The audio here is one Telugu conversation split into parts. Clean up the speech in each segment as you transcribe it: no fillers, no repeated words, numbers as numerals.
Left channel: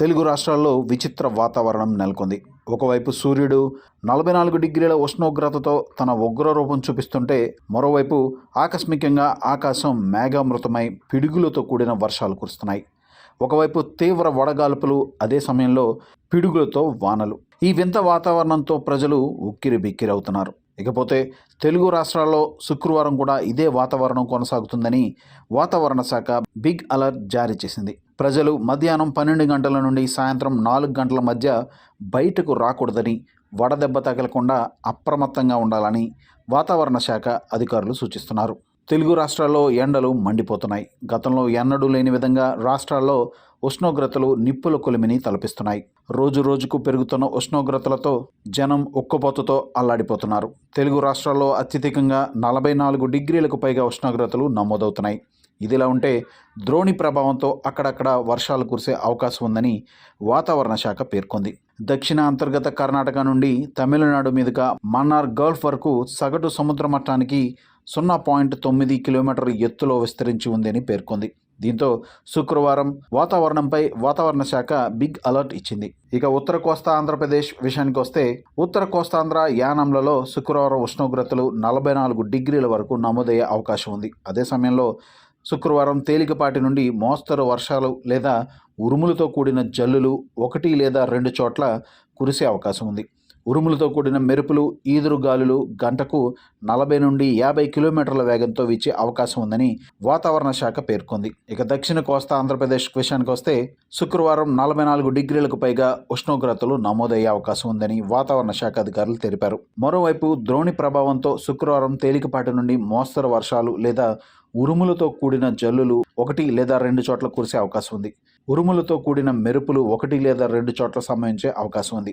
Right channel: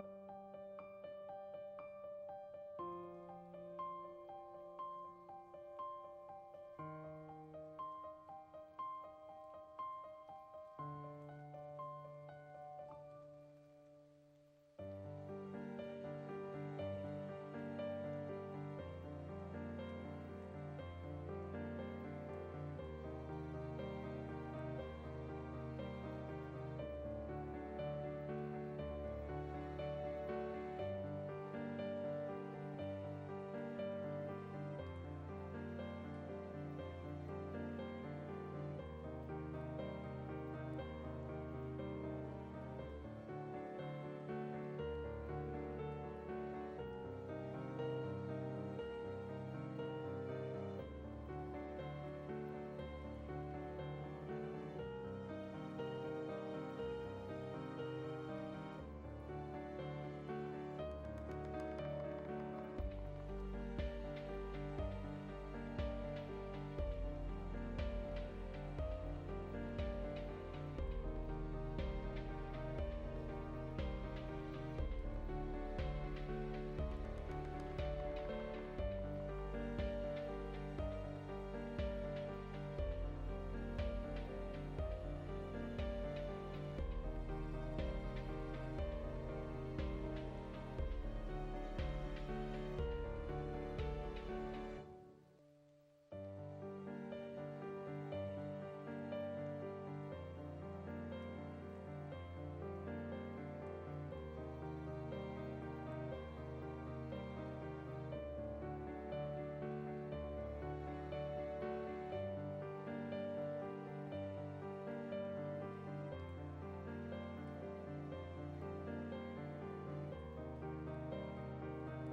తెలుగు రాష్ట్రాల్లో విచిత్ర వాతావరణం నెలకొంది. ఒకవైపు సూర్యుడు 44 డిగ్రీల ఉష్ణోగ్రతతో తన ఉగ్రరూపం చూపిస్తుంటే, మరోవైపు ఆకస్మికంగా ఆకాశం మేఘామృతమై పిడుగులతో కూడిన వర్షాలు కురుస్తున్నాయి. ఒకవైపు తీవ్ర వడగాల్పులు, అదే సమయంలో పిడుగులతో వానలు. ఈ వింత వాతావరణంతో ప్రజలు ఉక్కిరి బిక్కిరవుతున్నారు. ఇకపోతే తెలుగు రాష్ట్రాల్లో శుక్రవారం కూడా ఇదే వాతావరణం కొనసాగుతుందని వాతావరణ శాఖ బిగ్ అలర్ట్ జారీ చేసింది. ప్రజలు మధ్యాహ్నం 12 గంటల నుండి సాయంత్రం 4 గంటల మధ్య బయటకు రాకూడదని, వడదెబ్బ తగలకుండా అప్రమత్తంగా ఉండాలని వాతావరణ శాఖ అధికారులు సూచిస్తున్నారు. తెలుగు రాష్ట్రాల్లో ఎండలు మండిపోతున్నాయి. గతంలో ఎన్నడూ లేని విధంగా రాష్ట్రాల్లో ఉష్ణోగ్రతలు నిప్పుల కొలిమిని తలపిస్తున్నాయి. రోజు రోజుకు పెరుగుతున్న ఉష్ణోగ్రతలతో జనం ఉక్కపోతతో అల్లాడిపోతున్నారు. తెలుగు రాష్ట్రాల్లో అత్యధికంగా 44 డిగ్రీలకు పైగా ఉష్ణోగ్రతలు నమోదవుతున్నాయి. ఇదిలా ఉంటే ద్రోణి ప్రభావంతో అక్కడక్కడ వర్షాలు కురిసే అవకాశం ఉందని వాతావరణ శాఖ పేర్కొంది. దక్షిణ అంతర్గత కర్ణాటక నుండి తమిళనాడు మీదుగా మన్నార్ గల్ఫ్ వరకు సగటు సముద్ర మట్టానికి 0.9 కిలోమీటర్ ఎత్తులో విస్తరించి ఉందని పేర్కొంది. దీంతో శుక్రవారం వాతావరణంపై వాతావరణ శాఖ బిగ్ అలర్ట్ ఇచ్చింది. ఇక ఉత్తర కోస్తా ఆంధ్రప్రదేశ్ విషయానికి వస్తే, ఉత్తర కోస్తాంధ్ర యానంలలో శుక్రవారం ఉష్ణోగ్రతలు 44 డిగ్రీల వరకు నమోదయ్యే అవకాశం ఉంది. అదే సమయంలో శుక్రవారం తేలికపాటి నుండి మోస్తరు వర్షాలు లేదా ఉరుములతో కూడిన జల్లులు 1 లేదా 2 చోట్ల కురిసే అవకాశం ఉంది. ఉరుములతో కూడిన మెరుపులు, ఈదురుగాలులు గంటకు 40 నుండి 50 కిలోమీటర్ల వేగంతో వీచే అవకాశం ఉందని వాతావరణ శాఖ పేర్కొంది. ఇక దక్షిణ కోస్తా ఆంధ్రప్రదేశ్ విషయానికి వస్తే, శుక్రవారం 44 డిగ్రీలకు పైగా ఉష్ణోగ్రతలు నమోదయ్యే అవకాశం ఉందని వాతావరణ శాఖ అధికారులు తెలిపారు. మరోవైపు ద్రోణి ప్రభావంతో శుక్రవారం తేలికపాటి నుండి మోస్తరు వర్షాలు లేదా ఉరుములతో కూడిన జల్లులు 1 లేదా 2 చోట్ల కురిసే అవకాశం ఉంది. ఉరుములతో కూడిన మెరుపులు 1 లేదా 2 చోట్ల సంభవించే అవకాశం ఉంది.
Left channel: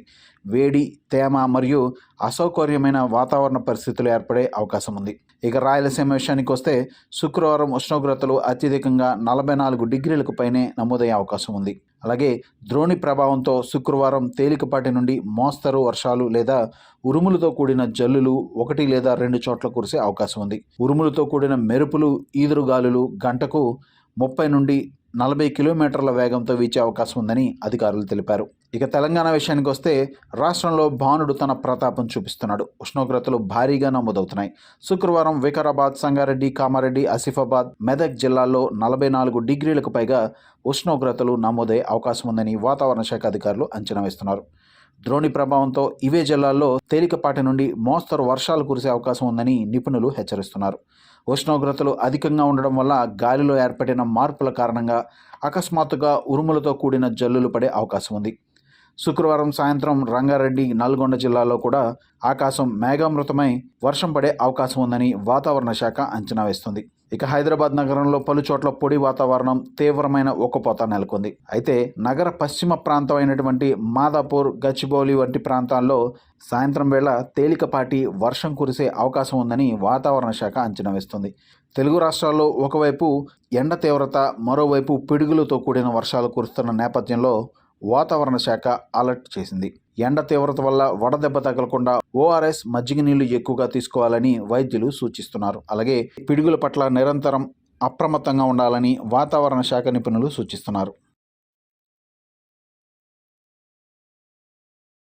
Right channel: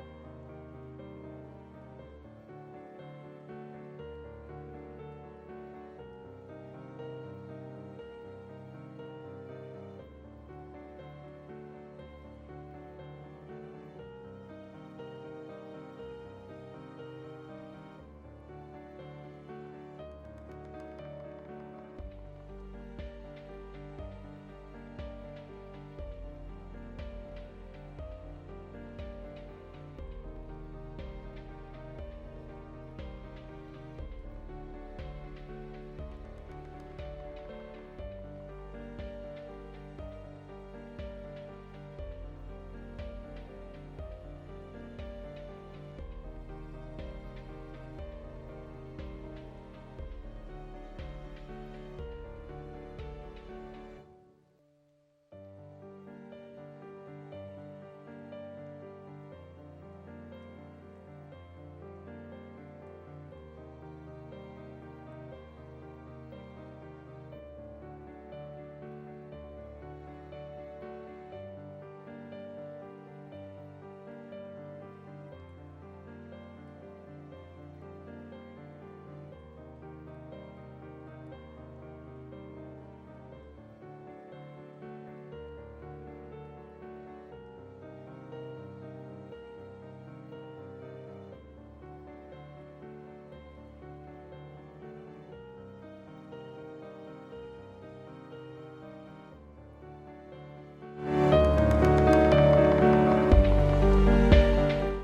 వేడి, తేమ మరియు అసౌకర్యమైన వాతావరణ పరిస్థితులు ఏర్పడే అవకాశం ఉంది. ఇక రాయలసీమ విషయానికి వస్తే, శుక్రవారం ఉష్ణోగ్రతలు అత్యధికంగా 44 డిగ్రీలకు పైనే నమోదయ్యే అవకాశం ఉంది. అలాగే ద్రోణి ప్రభావంతో శుక్రవారం తేలికపాటి నుండి మోస్తరు వర్షాలు లేదా ఉరుములతో కూడిన జల్లులు 1 లేదా 2 చోట్ల కురిసే అవకాశం ఉంది. ఉరుములతో కూడిన మెరుపులు, ఈదురుగాలులు గంటకు 30 నుండి 40 కిలోమీటర్ల వేగంతో వీచే అవకాశం ఉందని అధికారులు తెలిపారు. ఇక తెలంగాణ విషయానికి వస్తే, రాష్ట్రంలో భానుడు తన ప్రతాపం చూపిస్తున్నాడు. ఉష్ణోగ్రతలు భారీగా నమోదవుతున్నాయి. శుక్రవారం వికారాబాద్, సంగారెడ్డి, కామారెడ్డి, ఆసిఫాబాద్, మెదక్ జిల్లాల్లో 44 డిగ్రీలకు పైగా ఉష్ణోగ్రతలు నమోదయ్యే అవకాశం ఉందని వాతావరణ శాఖ అధికారులు అంచనా వేస్తున్నారు. ద్రోణి ప్రభావంతో ఇవే జిల్లాల్లో తేలికపాటి నుండి మోస్తరు వర్షాలు కురిసే అవకాశం ఉందని నిపుణులు హెచ్చరిస్తున్నారు. ఉష్ణోగ్రతలు అధికంగా ఉండడం వల్ల గాలిలో ఏర్పడిన మార్పుల కారణంగా అకస్మాత్తుగా ఉరుములతో కూడిన జల్లులు పడే అవకాశం ఉంది. శుక్రవారం సాయంత్రం రంగారెడ్డి, నల్గొండ జిల్లాలో కూడా ఆకాశం మేఘామృతమై వర్షం పడే అవకాశం ఉందని వాతావరణ శాఖ అంచనా వేస్తుంది. ఇక హైదరాబాద్ నగరంలో పలు చోట్ల పొడి వాతావరణం, తీవ్రమైన ఉక్కపోత నెలకొంది. అయితే నగర పశ్చిమ ప్రాంతం అయినటువంటి మాదాపూర్, గచ్చిబౌలి వంటి ప్రాంతాల్లో సాయంత్రం వేళ తేలికపాటి వర్షం కురిసే అవకాశం ఉందని వాతావరణ శాఖ అంచనా వేస్తుంది. తెలుగు రాష్ట్రాల్లో ఒకవైపు ఎండ తీవ్రత, మరోవైపు పిడుగులతో కూడిన వర్షాలు కురుస్తున్న నేపథ్యంలో వాతావరణ శాఖ అలర్ట్ చేసింది. ఎండ తీవ్రత వల్ల వడదెబ్బ తగలకుండా ORS, మజ్జిగ నీళ్లు ఎక్కువగా తీసుకోవాలని వైద్యులు సూచిస్తున్నారు. అలాగే పిడుగుల పట్ల నిరంతరం అప్రమత్తంగా ఉండాలని వాతావరణ శాఖ నిపుణులు సూచిస్తున్నారు.